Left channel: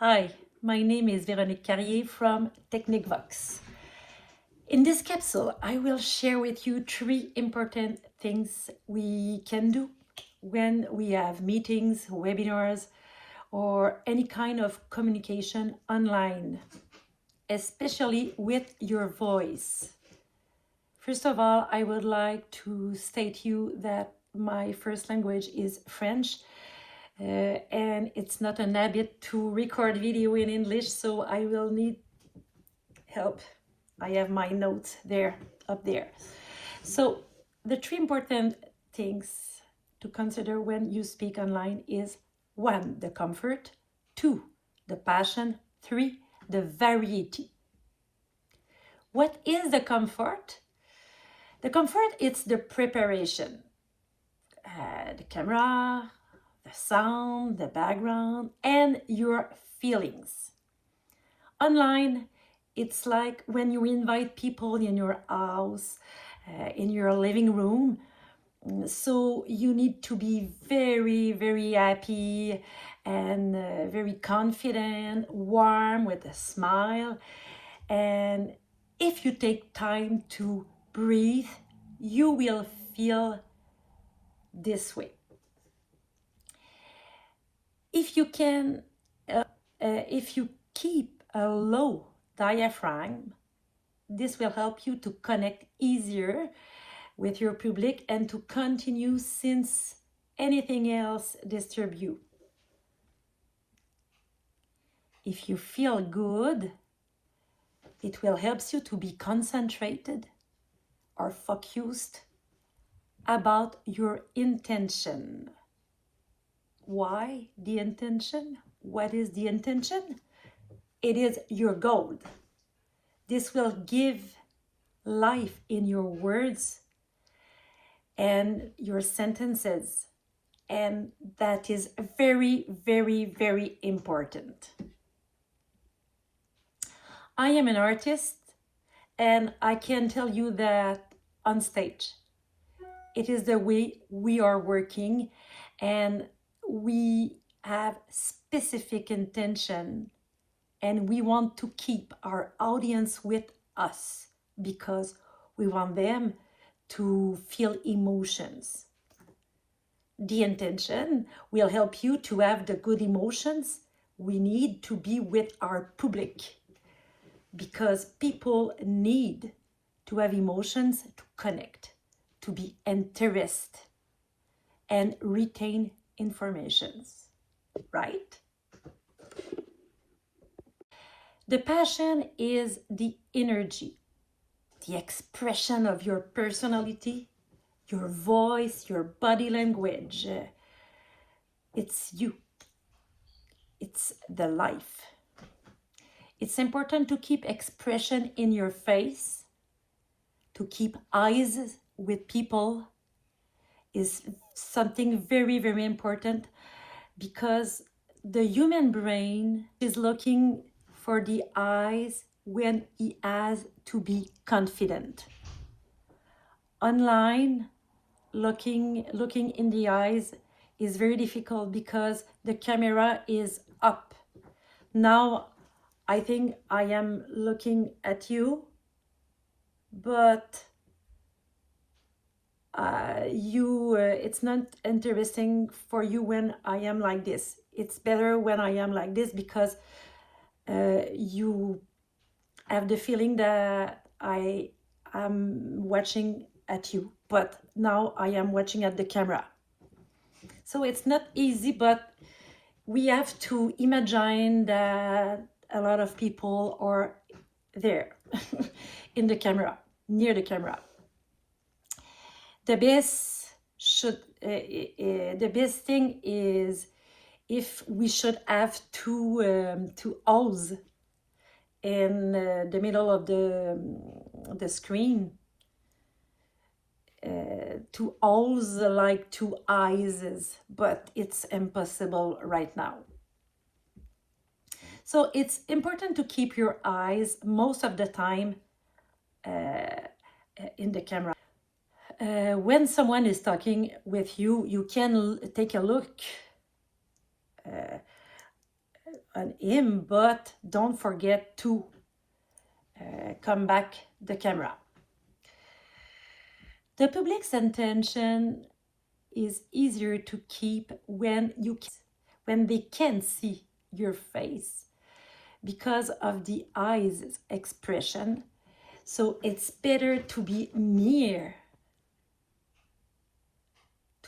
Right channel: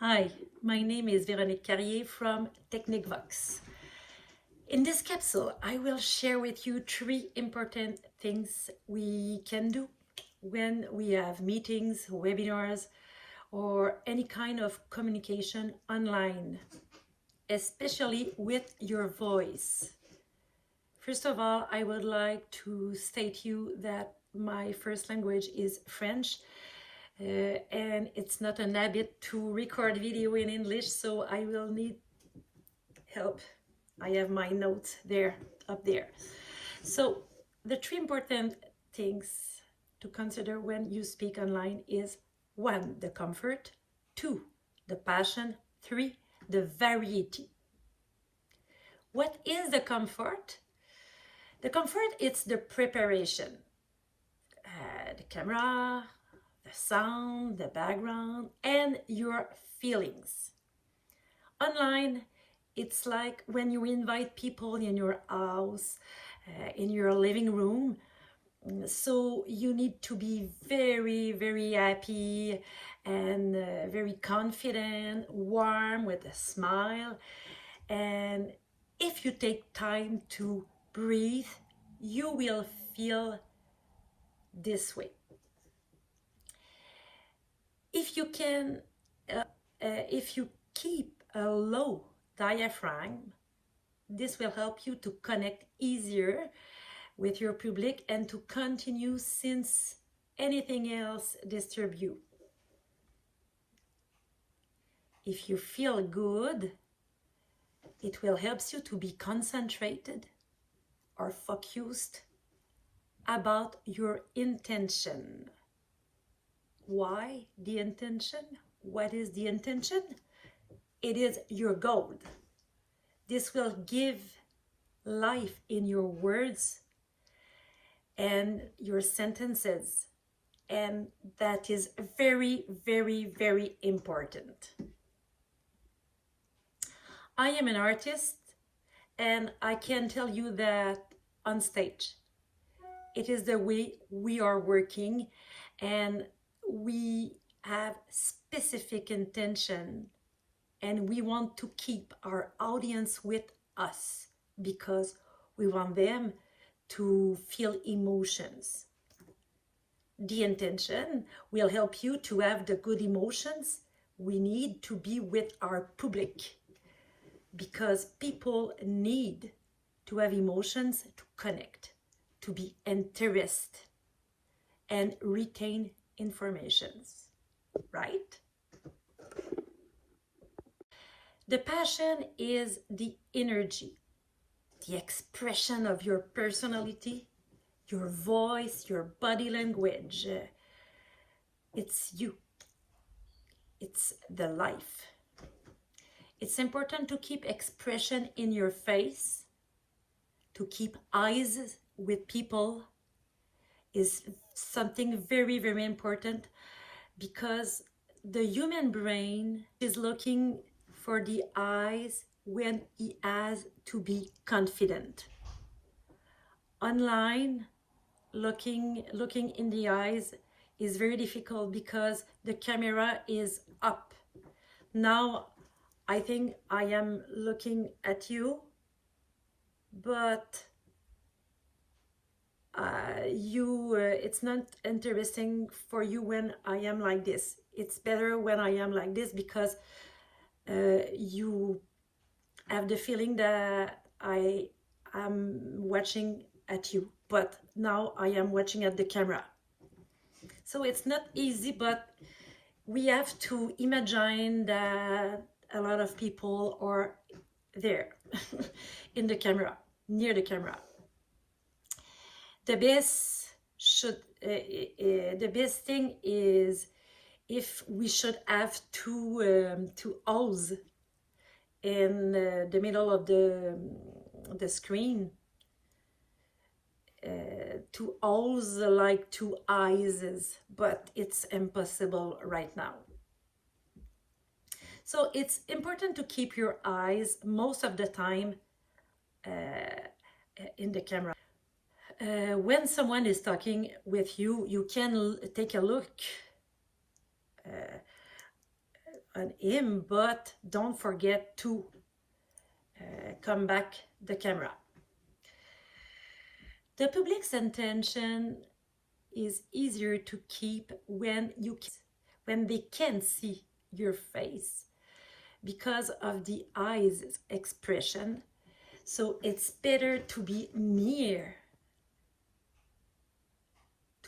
Hi, my name is Véronik from Technik Vox. In this capsule, I will share with you 3 important things we can do when we have meetings, webinars, or any kind of communication online, especially with your voice. First of all, I would like to state you that my first language is French, and it's not an habit to record video in English, so I will need help. I have my notes up there. So the 3 important things to consider when you speak online is 1, the comfort, 2, the passion, 3, the variety. What is the comfort? The comfort, it's the preparation. The camera, the sound, the background, and your feelings. Online, it's like when you invite people in your house, in your living room. So you need to be very, very happy and very confident, warm, with a smile. And if you take time to breathe, you will feel this way. If you can, if you keep a low diaphragm, this will help you to connect easier with your public and to continue since anything else disturbs you. If you feel good, it will help you to be concentrated or focused about your intention. Why the intention? What is the intention? It is your goal. This will give life in your words and your sentences, and that is very, very, very important. I am an artist, and I can tell you that on stage, it is the way we are working, and we have specific intention, and we want to keep our audience with us because we want them to feel emotions. The intention will help you to have the good emotions we need to be with our public, because people need to have emotions to connect, to be interested, and retain informations, right? The passion is the energy, the expression of your personality, your voice, your body language. It's you. It's the life. It's important to keep expression in your face, to keep eyes with people is something very, very important, because the human brain is looking for the eyes when he has to be confident. Online, looking in the eyes is very difficult because the camera is up. Now, I think I am looking at you, but it's not interesting for you when I am like this. It's better when I am like this, because you have the feeling that I am watching at you, but now I am watching at the camera. So it's not easy, but we have to imagine that a lot of people are there in the camera, near the camera. The best thing is if we should have two O's in the middle of the screen, 2 O's like 2 eyes, but it's impossible right now. So it's important to keep your eyes most of the time in the camera. When someone is talking with you, you can take a look on him, but don't forget to come back the camera. The public's attention is easier to keep when they can see your face because of the eyes expression. So it's better to be near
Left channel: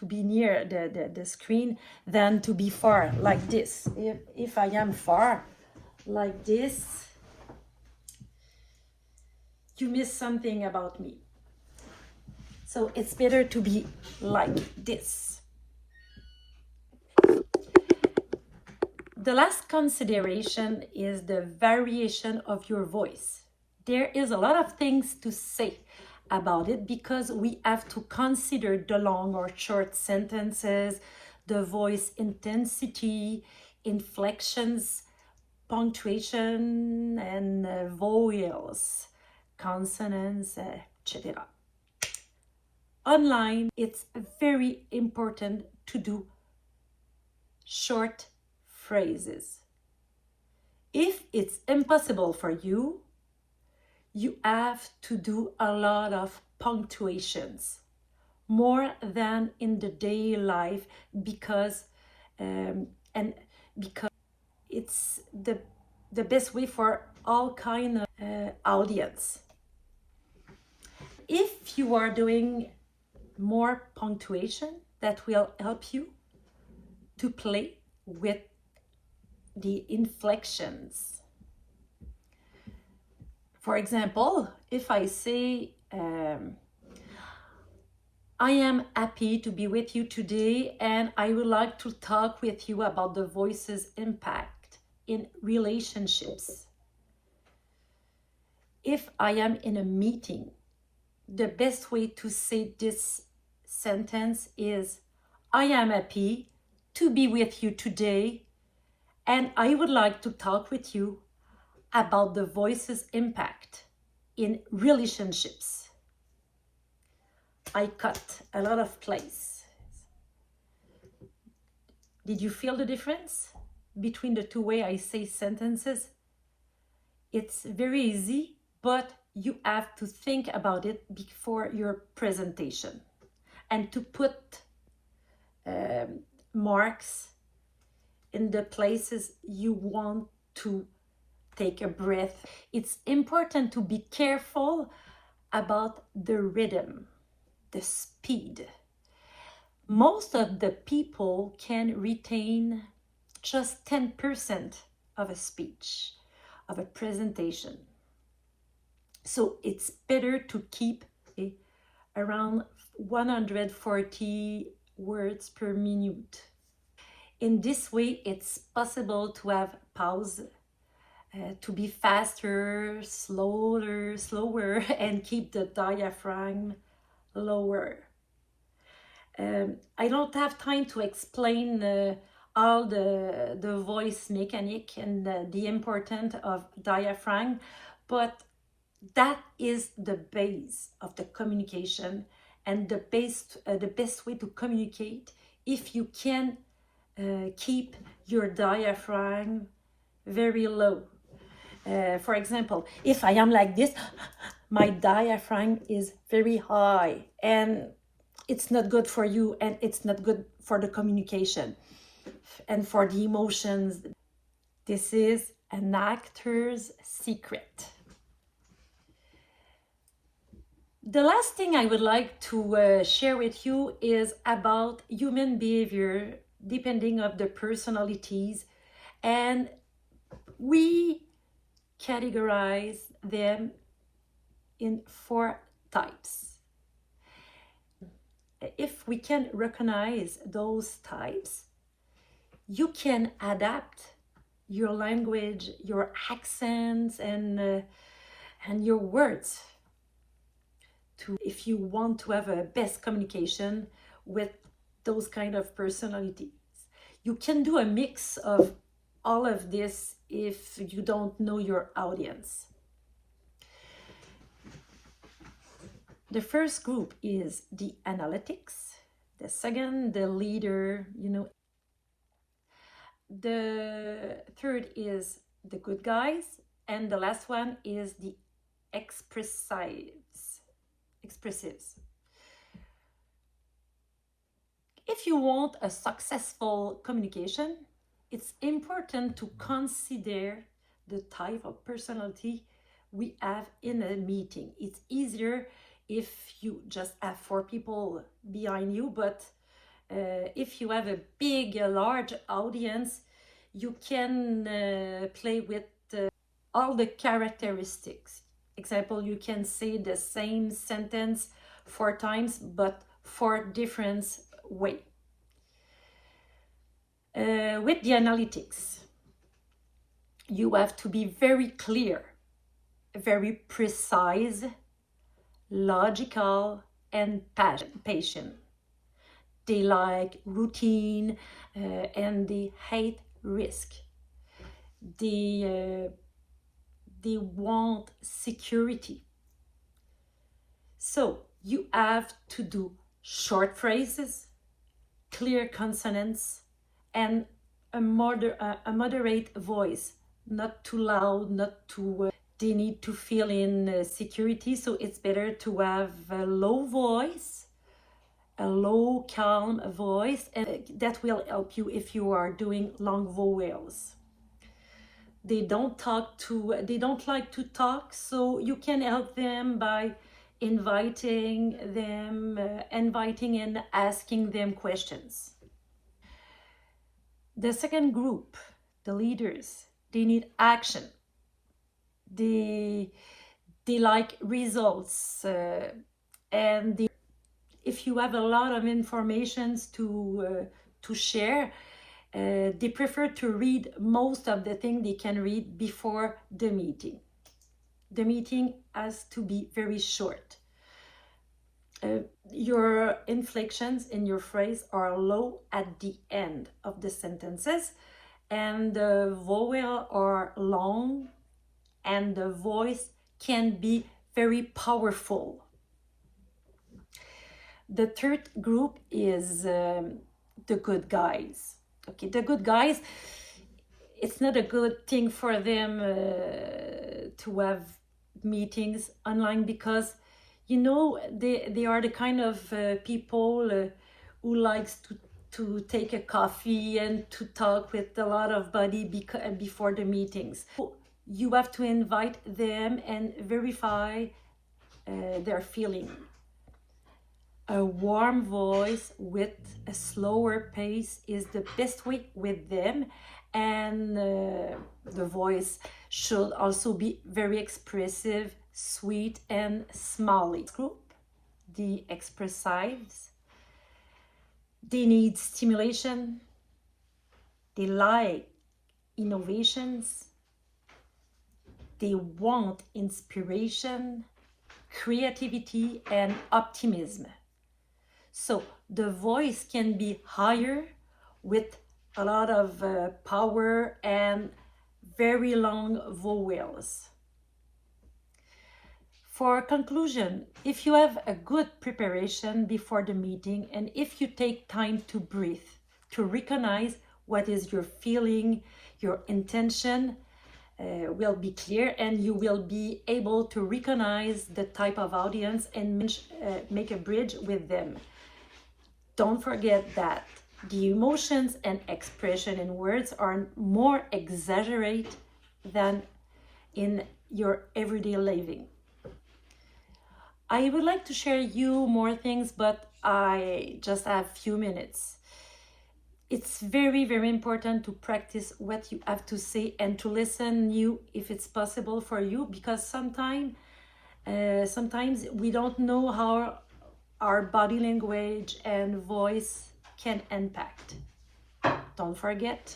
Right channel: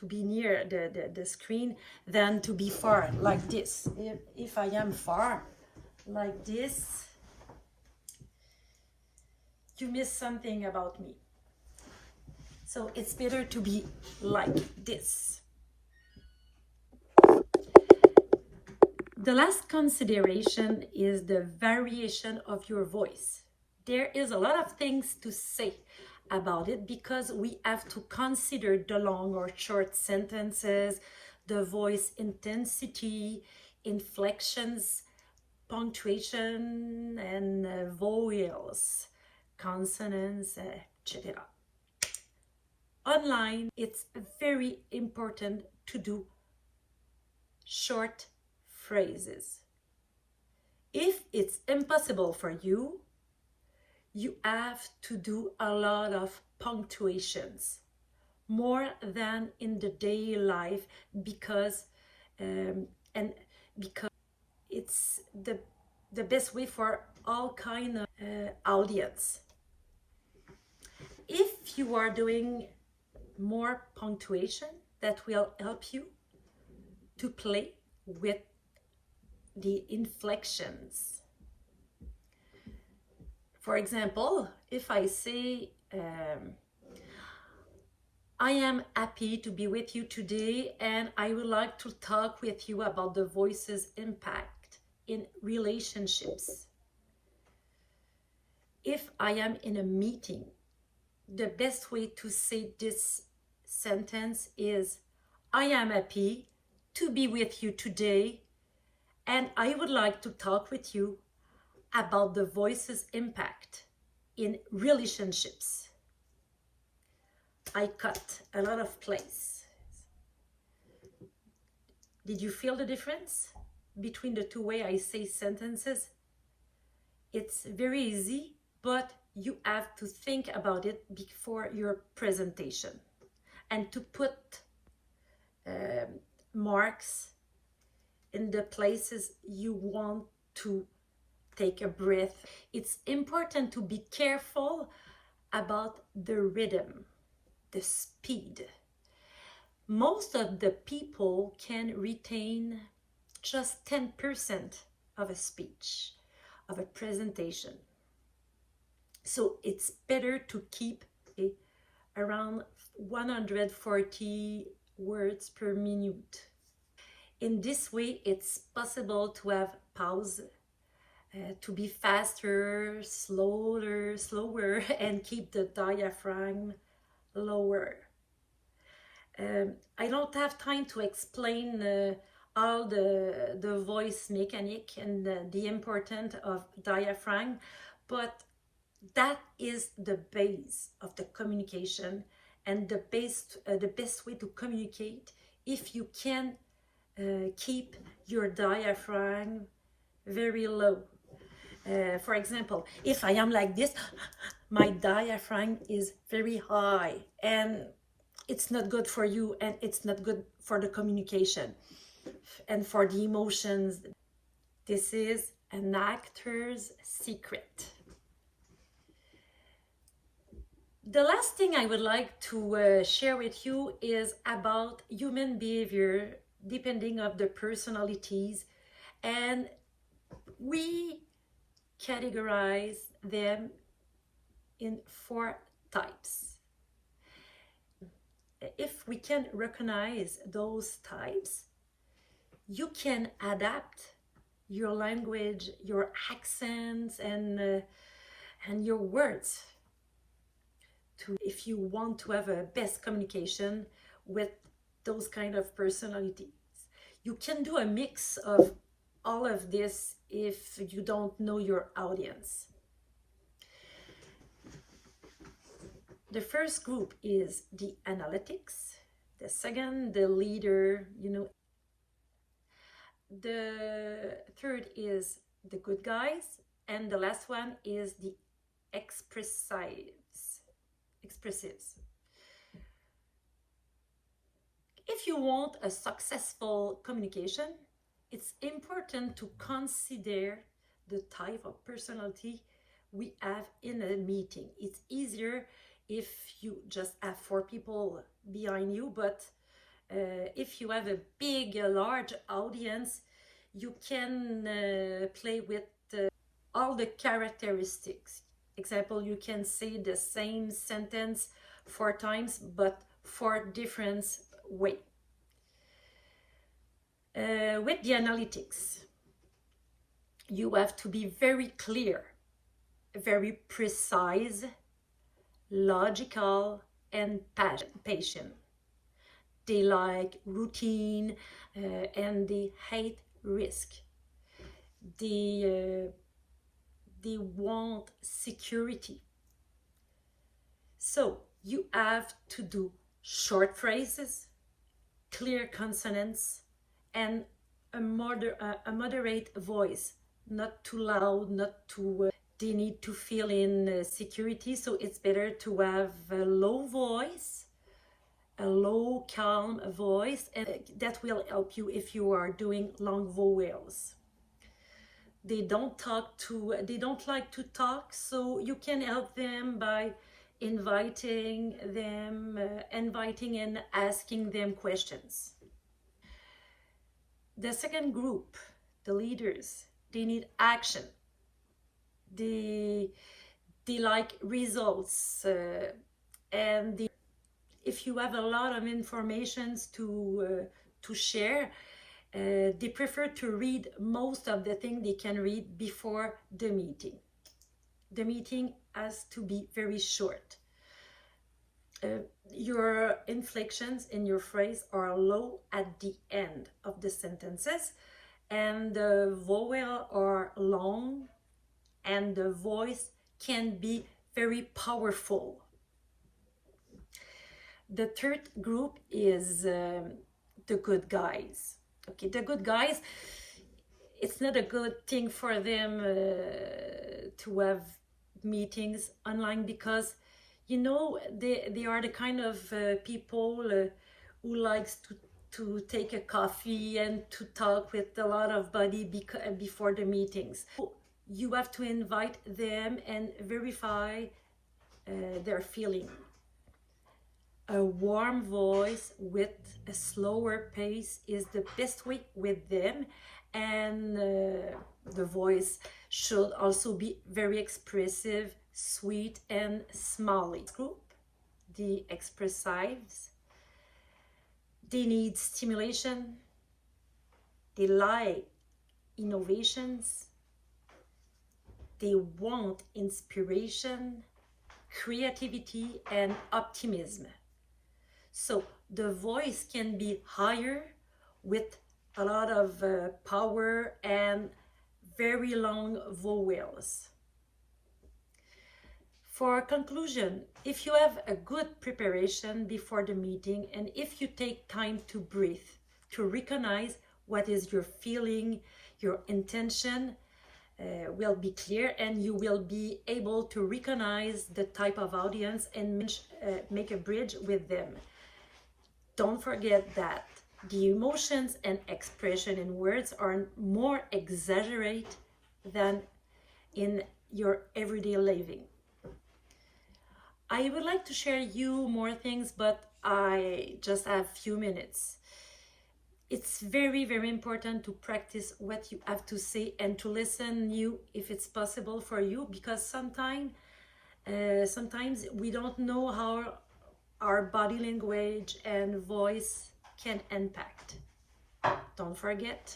the screen than to be far like this. If I am far like this, you miss something about me. So it's better to be like this. The last consideration is the variation of your voice. There is a lot of things to say about it because we have to consider the long or short sentences, the voice intensity, inflections, punctuation, and vowels, consonants, etc. Online, it's very important to do short phrases. If it's impossible for you, you have to do a lot of punctuations, more than in the daily life, because it's the best way for all kind of audience. If you are doing more punctuation, that will help you to play with the inflections. For example, if I say, I am happy to be with you today and I would like to talk with you about the voice's impact in relationships. If I am in a meeting, the best way to say this sentence is, I am happy to be with you today and I would like to talk with you about the voice's impact in relationships. I cut a lot of place. Did you feel the difference between the two ways I say sentences? It's very easy, but you have to think about it before your presentation and to put marks in the places you want to take a breath. It's important to be careful about the rhythm, the speed. Most of the people can retain just 10% of a speech, of a presentation. So it's better to keep around 140 words per minute. In this way, it's possible to have pause, to be faster, slower, and keep the diaphragm lower. I don't have time to explain all the voice mechanic and the importance of diaphragm, but that is the base of the communication and the best way to communicate if you can keep your diaphragm very low. For example, if I am like this, my diaphragm is very high and it's not good for you and it's not good for the communication and for the emotions. This is an actor's secret. The last thing I would like to share with you is about human behavior depending on the personalities, and we categorize them in 4 types. If we can recognize those types, you can adapt your language, your accents, and your words to, if you want to have a best communication with those kind of personalities. You can do a mix of all of this if you don't know your audience. The first group is the analytics. The second, the leader, The third is the good guys, and the last one is the expressives. If you want a successful communication, it's important to consider the type of personality we have in a meeting. It's easier if you just have 4 people behind you, but if you have a large audience, you can play with all the characteristics. Example, you can say the same sentence 4 times, but 4 different ways. With the analytics, you have to be very clear, very precise, logical, and patient. They like routine and they hate risk. They want security. So you have to do short phrases, clear consonants, and a moderate voice, not too loud, not too they need to feel in security, so it's better to have a low voice, a low calm voice, and that will help you if you are doing long vowels. They don't like to talk, so you can help them by inviting and asking them questions. The second group, the leaders, they need action. They like results, and if you have a lot of information to share, they prefer to read most of the things they can read before the meeting. The meeting has to be very short. Your inflections in your phrase are low at the end of the sentences, and the vowel are long, and the voice can be very powerful. The third group is the good guys. Okay, the good guys, it's not a good thing for them to have meetings online, because you know they are the kind of people who likes to take a coffee and to talk with a lot of body before the meetings. You have to invite them and verify their feeling. A warm voice with a slower pace is the best way with them, and the voice should also be very expressive, sweet, and smiley. Group, the expressives, they need stimulation, they like innovations, they want inspiration, creativity, and optimism. So the voice can be higher with a lot of power and very long vowels. For conclusion, if you have a good preparation before the meeting, and if you take time to breathe, to recognize what is your feeling, your intention will be clear, and you will be able to recognize the type of audience and make a bridge with them. Don't forget that the emotions and expression in words are more exaggerated than in your everyday living. I would like to share you more things, but I just have few minutes. It's very, very important to practice what you have to say and to listen you if it's possible for you, because sometimes we don't know how our body language and voice can impact. Don't forget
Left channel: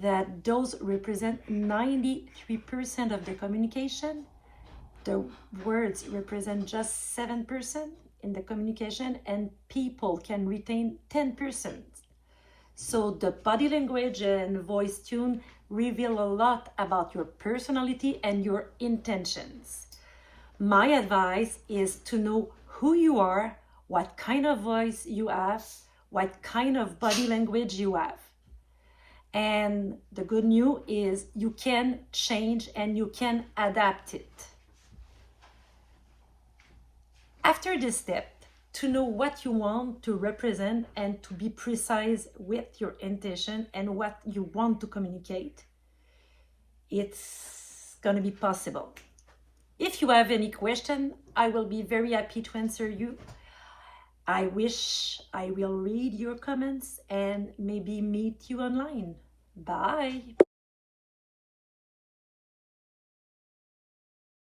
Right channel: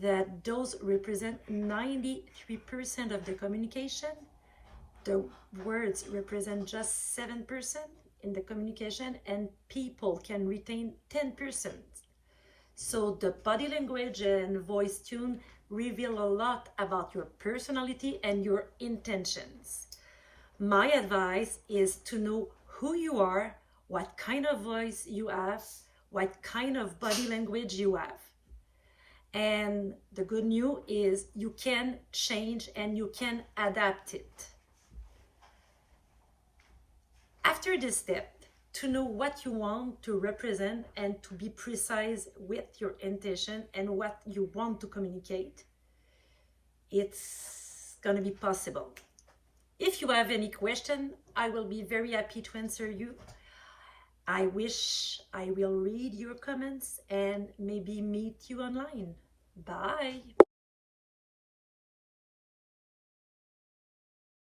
that those represent 93% of the communication. The words represent just 7% in the communication, and people can retain 10%. So the body language and voice tune reveal a lot about your personality and your intentions. My advice is to know who you are, what kind of voice you have, what kind of body language you have. And the good news is you can change and you can adapt it. After this step, to know what you want to represent and to be precise with your intention and what you want to communicate, it's going to be possible. If you have any question, I will be very happy to answer you. I wish I will read your comments and maybe meet you online. Bye.